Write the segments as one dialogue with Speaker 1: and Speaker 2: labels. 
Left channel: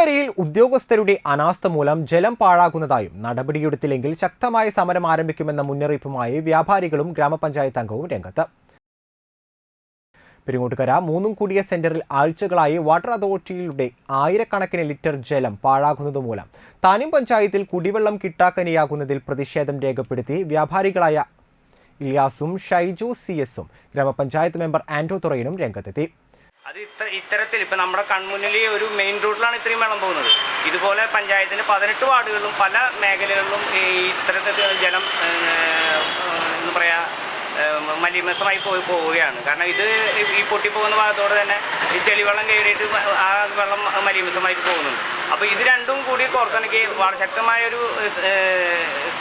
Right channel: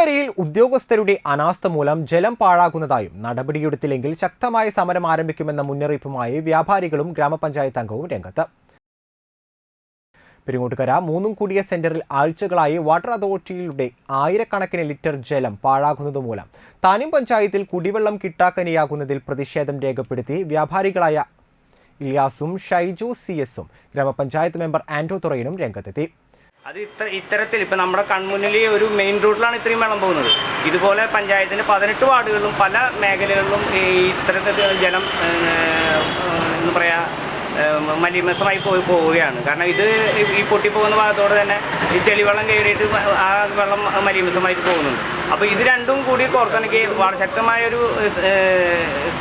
Speaker 1: പെരിങ്ങോട്ടുകരയിൽ ഉദ്യോഗസ്ഥരുടെ അനാസ്ഥ മൂലം ജലം പാഴാകുന്നതായും നടപടിയെടുത്തില്ലെങ്കിൽ ശക്തമായ സമരം ആരംഭിക്കുമെന്ന മുന്നറിയിപ്പുമായി വ്യാപാരികളും ഗ്രാമപഞ്ചായത്ത് അംഗവും രംഗത്ത്. പെരുങ്ങോട്ടുകര മൂന്നും കൂടിയ സെന്ററിൽ ആഴ്ചകളായി വാട്ടർ അതോറിറ്റിയുടെ ആയിരക്കണക്കിന് ലിറ്റർ ജലം പാഴാകുന്നതുമൂലം താനും പഞ്ചായത്തിൽ കുടിവെള്ളം കിട്ടാക്കനിയാകുന്നതിൽ പ്രതിഷേധം രേഖപ്പെടുത്തി വ്യാപാരികളായ ഇലിയാസും ഷൈജു സി എസും ഗ്രാമപഞ്ചായത്ത് മെമ്പർ ആന്റോ തുറയിനും രംഗത്തെത്തി.
Speaker 2: അത് ഇത്ര ഇത്തരത്തിൽ ഇപ്പം നമ്മുടെ കൺമുന്നിൽ ഒരു മെയിൻ റൂട്ടിലാണ് ഇത്രയും വെള്ളം പോകുന്നത്. ഇതുപോലെ പഞ്ചായത്തിന്റെ പതിനെട്ട് വാർഡുകളിലും പല മേഖലകളിലും ഈ ഇത്തരത്തിൽ ജലം എന്ന് പറയുക മലിമസമായി പോയി പോവുകയാണ്. കാരണം ഇത് ഈ പൊട്ടിപ്പോകുന്ന ഭാഗത്തോടെ തന്നെ ഈ ചെളിവെള്ളം കയറിയിട്ട് ആ വെള്ളം മലിമസമായിട്ട് പോകുന്നുണ്ട്. അപ്പോൾ ഇത് രണ്ടും കൂടി കോർത്തിണക്കി വളരെ ശക്തമായൊരു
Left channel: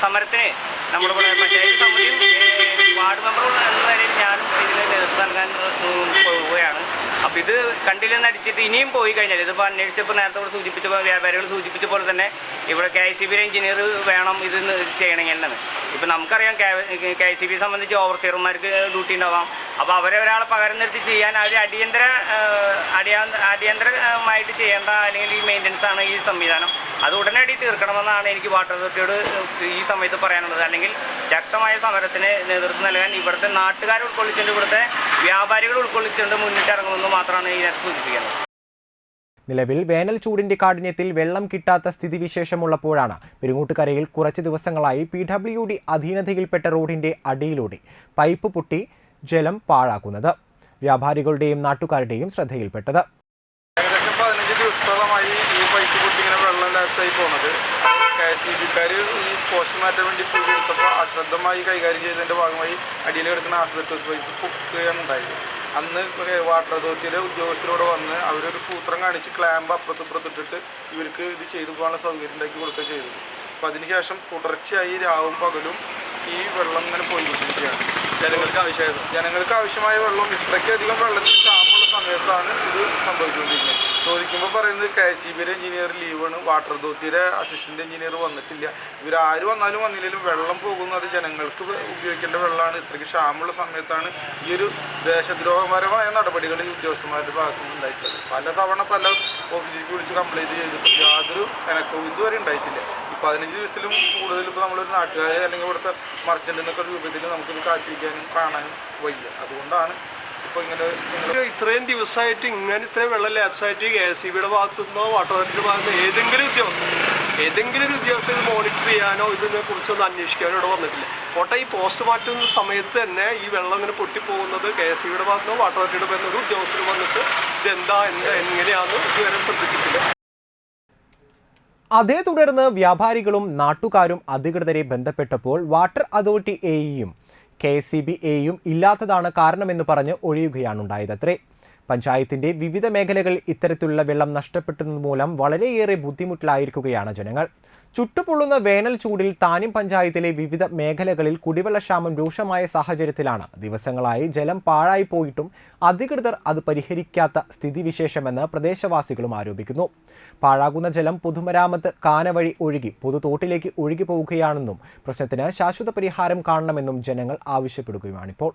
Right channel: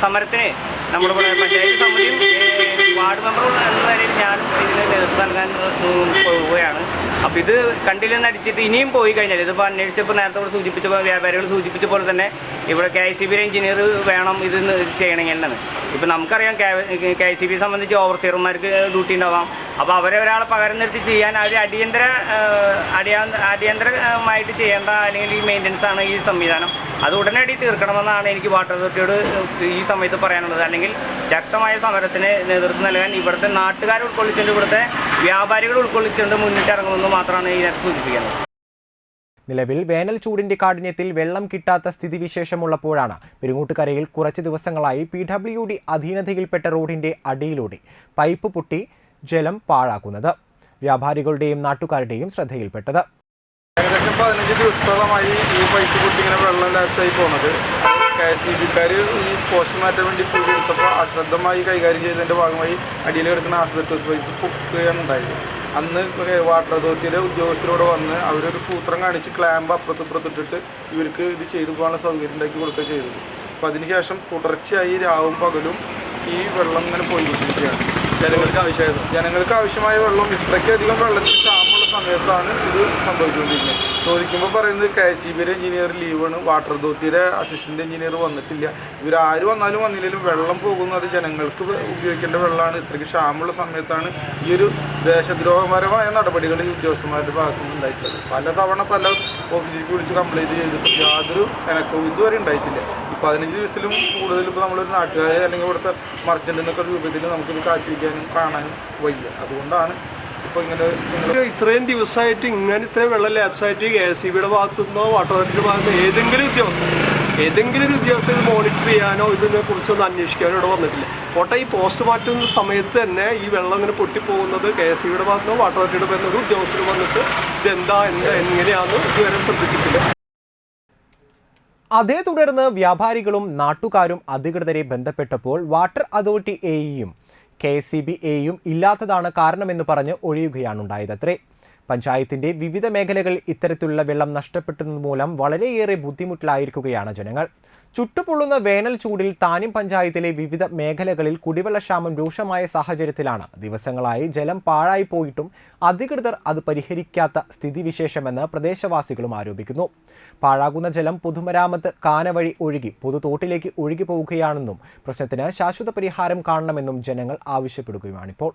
Speaker 2: സമരത്തിന് നമ്മുടെ പഞ്ചായത്ത് സമിതിയും വാർഡ് മെമ്പറും എന്ന നിലയിൽ ഞാനും ഇതിന് നേതൃത്വം നൽകാൻ ഉം, പോവുകയാണ് അപ്പോൾ ഇത് കണ്ടില്ലെന്ന് അടിച്ചിട്ട് ഇനിയും പോയി കഴിഞ്ഞാൽ ഇതിപ്പോൾ അന്വേഷിച്ചപ്പോൾ നേരത്തെ സൂചിപ്പിച്ച പോലെ വ്യാപാരികൾ സൂചിപ്പിച്ച പോലെ തന്നെ ഇവിടെ കെ സി ബിയിലെ എഞ്ചിനീയർ വേണം ഇത് ചെയ്യണമെങ്കിൽ തന്നെ ഇപ്പം നമുക്കറിയാം കെ സി ബി സംബന്ധിച്ച് ഓവർസിയർമാർക്ക് ഡ്യൂട്ടി ഉണ്ടാവാം. അപ്പോൾ അവരെ ഒരാളെ പകരം നിർത്തി ചെയ്യാൻ അവർ അടിയന്തര അടിയന്തരമായിട്ട് ചെയ്യേണ്ട അല്ലെങ്കിൽ ഈ മെയിന്റനൻസ് ആണ് ഈ സംവിധാനം. അത് ഉടനടി തീർക്കണമെന്നാണ് എനിക്ക് വാട്ടർ അതോറിറ്റിയോട് ഈ സമയത്ത് പറയാനുള്ളത്. അല്ലെങ്കിൽ ശക്തമായ സമരത്തിന് നേതൃത്വം നൽകാൻ ഇവിടുത്തെ നാട്ടുകാർ ഉൾക്കൊള്ളിച്ചുകൊണ്ട് ഇവിടുത്തെ വ്യാപാരികൾ ഉൾക്കൊള്ളിച്ചുകൊണ്ട് മുന്നിട്ടിറങ്ങുമെന്ന് മാത്രമാണ് ഇതിനകത്ത് സൂചിപ്പിക്കുന്നത്.
Speaker 1: നിലവിൽ വേനൽ ചൂടിന്റെ കാഠിന്യത്തിൽ വെള്ളം കിട്ടാത്ത സ്ഥിതിവിശേഷമുള്ളപ്പോഴാണ് പെരുങ്ങൂട്ടുകരയിൽ കുറച്ച് ദിവസങ്ങളായി പി ഡബ്ല്യു ഡി അധീനതയിൽപ്പെട്ട റോഡിന്റെ അടിയിലൂടെ പൈപ്പ് പൊട്ടി ജലം പാഴാക്കുന്നത്. വ്യാപാരികളുടെയും നാട്ടുകാരുടെയും ശ്രദ്ധയിൽപ്പെട്ടത്.
Speaker 3: ഏകദേശം പതിനഞ്ച് ദിവസത്തോളമായി ഈ പൈപ്പ് പൊട്ടി ഇങ്ങനെ വെള്ളം ലാപ്സായി പോകുന്നത് കെ എസ് ഇ ബിക്കാർ ഈ പോസ്റ്റ് മാറ്റാൻ വേണ്ടി കൂടി എടുത്തപ്പോൾ അശ്രദ്ധമായി കൈകാര്യം ചെയ്തതിന്റെ ഭാഗമായി അടിയിൽ കിടക്കുന്ന ആശുപത്രി പൈപ്പ് പൊക്കുകയാണ് ഉണ്ടായത്. അന്ന് വാട്ടർ അതോറിറ്റിയിലെ ഉദ്യോഗസ്ഥരോട് വന്ന് അവരൊരു സൂത്രം കാണിച്ച് ക്ലാമ്പ് അപ്പുറത്ത് ഇപ്പുറത്തിട്ടിട്ട് ഇവർക്ക് ഇത് ചെയ്തു പോകാനുള്ള സൗകര്യം ഉണ്ടാക്കി കൊടുക്കുക ചെയ്തത് അപ്പം അതിനുശേഷം തുടർച്ചയായി രാവും പകലും ഈ വെള്ളം ഇങ്ങനെ പോയിക്കൊണ്ടിരിക്കുകയാണ്. ജനങ്ങൾക്ക് ആവശ്യമായ ജനങ്ങൾക്ക് ആവശ്യമായ വെള്ളം ഇത്രയ്ക്കധികം വെള്ളത്തിന് ക്ഷാമമുള്ള സമയത്താണ് ഇത് സംഭവിച്ചുകൊണ്ടിരിക്കുന്നത്. ചോദിക്കുമ്പോൾ പറയുന്നത് കെ സി ബിയുടെ എഞ്ചിനീയർ ലീവാണ്. വാട്ടർ അതോറിറ്റിയുടെ അസിസ്റ്റന്റ് എഞ്ചിനീയർ വന്നിട്ടില്ല. ഇവരാര് വന്നാലും വന്നില്ലെങ്കിലും വെള്ളം പോകുന്നത് ജനങ്ങൾക്ക് ഉപയോഗിക്കേണ്ട വെള്ളമാണ്. ഇത്രയ്ക്ക് ക്ഷാമുള്ള സമയത്താണ് ഈ ഒരു ദേശദ്രോഹപരമായ നടപടികൾ ഈ ഉദ്യോഗസ്ഥന്മാരുടെ ഭാഗത്തു നിന്ന് ഉണ്ടായിട്ടുള്ളത്. പലതവണ പല ഓഫീസിലേക്ക് വിളിച്ച് കംപ്ലൈന്റ് ചെയ്തിട്ട് യാതൊരു എനക്കവും ഇതുവരെ ഉണ്ടായിട്ടില്ല. പതിനഞ്ച് ദിവസത്തിലും കൂടുതൽ ഇപ്പോൾ നമ്മളൊരു നാട്ടുകാരെ അല്ലെങ്കിൽ ഇവിടുത്തെ മർച്ചന്റ് രൂപത്തിൽ നമുക്കിത് കാത്തിരിക്കാനും കാണാനും വയ്യ. അതുകൊണ്ടാണ് ഇങ്ങനെ
Speaker 4: ഇത്രയും ദിവസമായിട്ട് ഇങ്ങനെ ഇത്രയും വെള്ളം ലാപ്സായിട്ട് കെ എസ് സി ബിയുടെ ഭാഗത്തു നിന്നോ വാട്ടർ അതോറിറ്റിയുടെ ഭാഗത്ത് ഏതെങ്കിലും ഉദ്യോഗസ്ഥ ഏതെങ്കിലും ഒരു ഉദ്യോഗസ്ഥൻ ഇത് മോണിറ്റർ ചെയ്യാനോ ഇതിനെ കുറിച്ചൊന്നും അന്വേഷിക്കാനോ ഇവിടെ വന്നിട്ടില്ല. ഓട്ടെ ഈ പോസ്റ്റ് മാറ്റുന്ന സമയത്ത് തന്നെ ഈ വെള്ളം ഇങ്ങനെ പൊട്ടിപ്പോകുന്നത് കെ എസ് സി ബിയുടെ ഭാഗത്തു വാട്ടർ അതോറിറ്റിയുടെ ഭാഗത്ത് ഒരു ഉദ്യോഗസ്ഥർ വന്നിട്ട് ഇതെന്താ എന്താ എങ്ങനെയാണെന്ന് ഇതുവരെ ശ്രദ്ധിച്ചിട്ടില്ല.
Speaker 1: അതേ തുടർന്ന് വ്യാപാരികളും നാട്ടുകാരും അധികൃതരെ ബന്ധപ്പെട്ടപ്പോൾ വാട്ടർ അതോറിറ്റി എയും കെ സി ബി എയും ഇല്ലാത്തതാണ് കാരണമെന്ന് പറഞ്ഞ് ഒഴിയുകയാണുണ്ടായതത്രേ പഞ്ചായത്തിന്റെ വിവിധ മേഖലകളിൽ ഇത്തരത്തിലുള്ള വെള്ളം നഷ്ടപ്പെട്ടത് മൂലം വളരെയേറെ ബുദ്ധിമുട്ടിലായിരിക്കുകയാണ് ജനങ്ങൾ. ചുട്ടുപൊള്ളുന്ന വേനൽ ചൂടിൽ താനും പഞ്ചായത്തിലെ വിവിധ മേഖലകളിൽ കുടിവെള്ളക്ഷാമം രൂക്ഷമായ സാഹചര്യത്തിലാണ്. ദിവസങ്ങളായി ജലം പാഴായി പോയിട്ടും അധികൃതർ അത് പരിഹരിക്കാത്ത സ്ഥിതിവിശേഷമെന്ന് പ്രദേശവാസികളും ആരോപിക്കുന്നു. പാഴാകുന്ന ജലം പൊതുമരാമത്ത് കാന വഴി ഒഴുകി പൊതുതോട്ടിലേക്ക് ഒഴുകി പോവുകയാണെന്നും പ്രശ്നത്തിന് ശാശ്വത പരിഹാരം കാണണമെന്നും ജനങ്ങൾ ആവശ്യപ്പെടുകയുമാണിപ്പോൾ.